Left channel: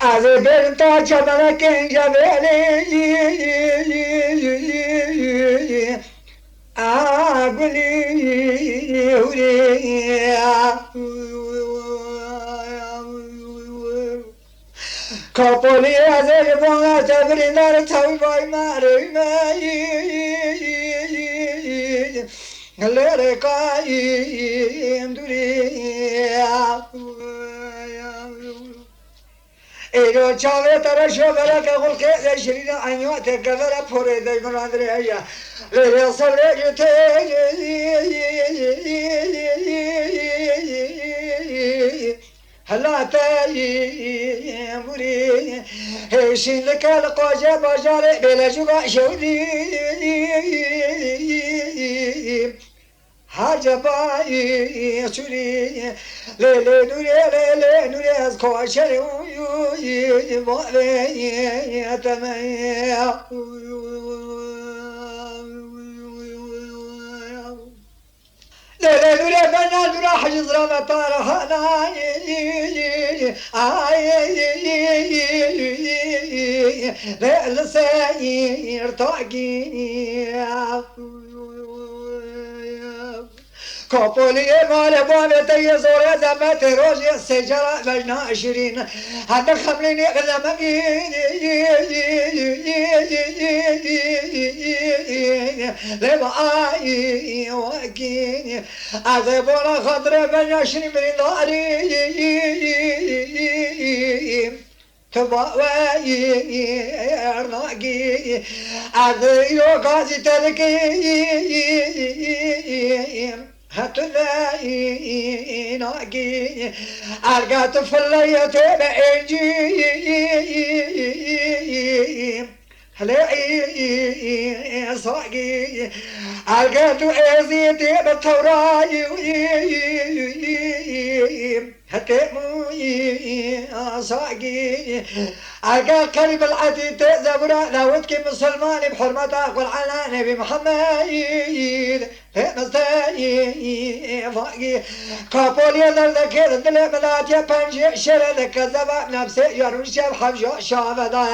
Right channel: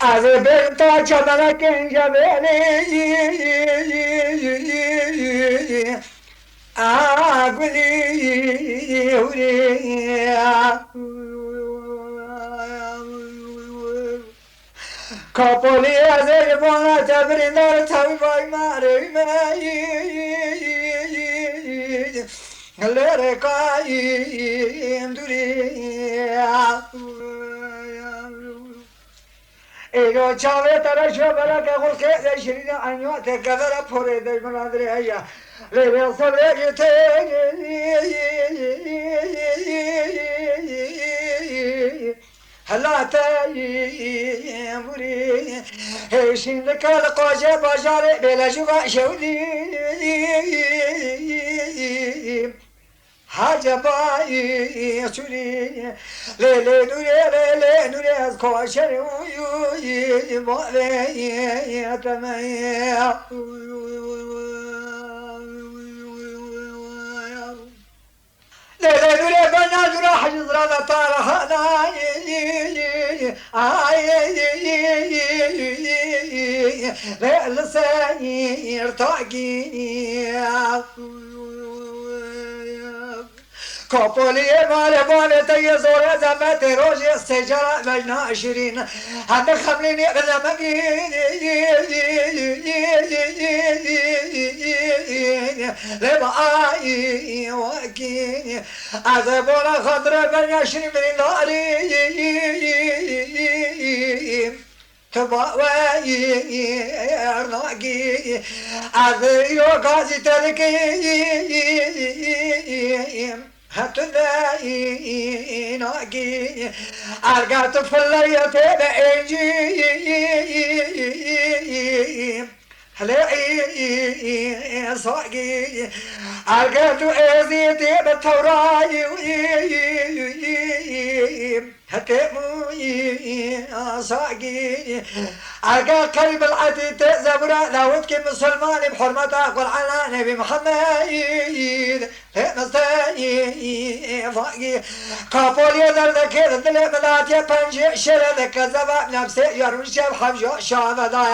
از برتا چمنک جبلی آگلی کپولی از ایوان تبری در تبای ماری لرکایم دوری ایرو چاوه ترشو برا که قل که شرین انیوات کفر پوره دی منادری هیا لیلی صلیت هلا تایم بوری هیشین لکال قاجه بازاره بلجوگا شوری حجبایی چوری لیلی نوری از کاشری باری تمام لیلی نوری بنا نورا حجز رانا طارحانا لیلی سایر تاقینی کپولی مالبانه تی زوره زمت روزی سجرا بجنا عشرین حتی خملینی بزمگین لما آئی وکین از بولا خطر بجنا عشرین برین داری تباوی ارناگی از یو کازی تلکی هتلاقي ناقي أرقات فلاية بأجي هلاقي صاقي أرقات أزيتي بالتوراي هتموي صاقي أرقات قلب العديد زبرا داودك مسلمان بحرمة أقول على نبي محمد قافولي ذلك الدل ملاتي بنجي شرلك زبا نفسي يرمشي بحمشو شابدا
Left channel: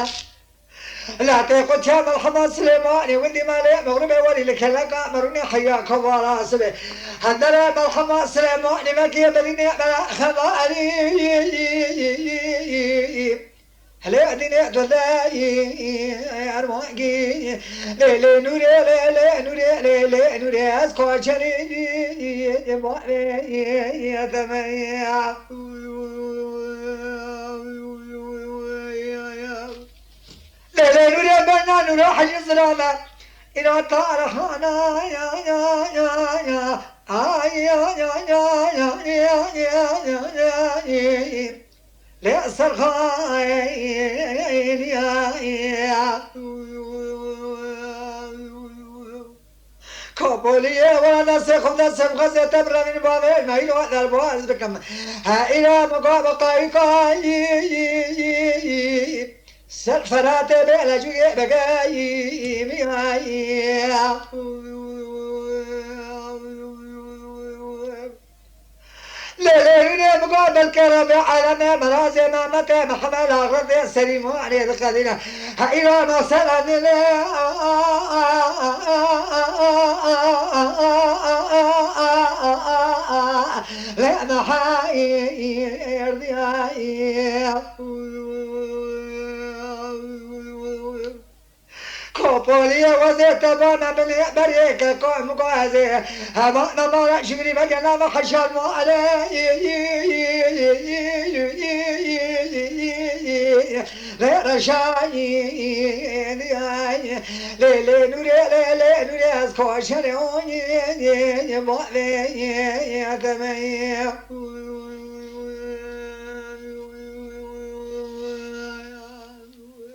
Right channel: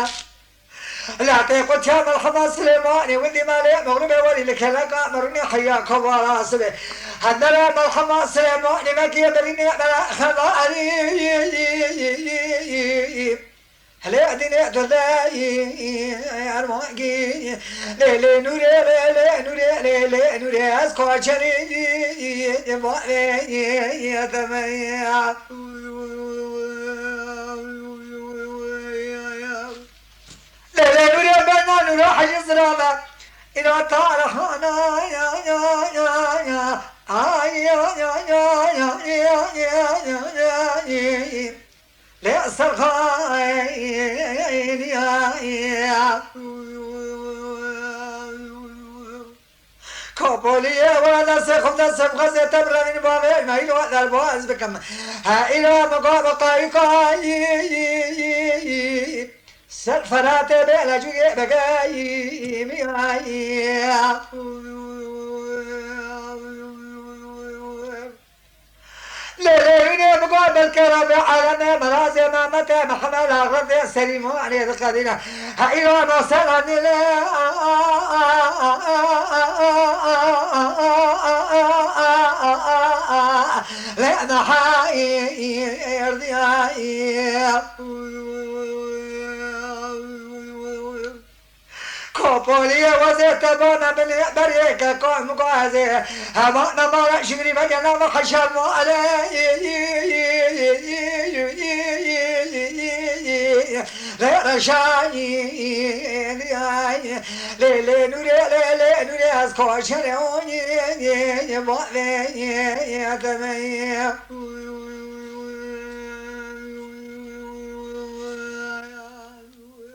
لا تقول شام الحمد سليماني ولي مالي مغربي ولي لك لقى مروني حياك وراسبي هندرا الحمد سليماني مكي بليني بلا خلالي هلا ديني دلاي ارماقي ليلي نوري ليلي نوري ليلي نوري اسكوشني يا دميا ليلي نوري بنا نوري حجز رالا إلى طارحنا يا لأس الخير يا كابولية ولا سخم دسم غزة تبرى من بابي ما يلوى البواز بكم ها إلى مقابقة سلفرات بلا جوية بقاي مياي لغيري مقابل كرم عالمي مرازي ما متى محمل الرضي السليم وعليه القدينة إلى ما صلى لا محاي يرضي كوبوليا وزيت بانا من بريك كوم قازي هوانا ما شغري بجنا ما خشان ما علي لا رشاني ليلي نوري ليلي نوري أزكو شرعوني يا بابي يا تمام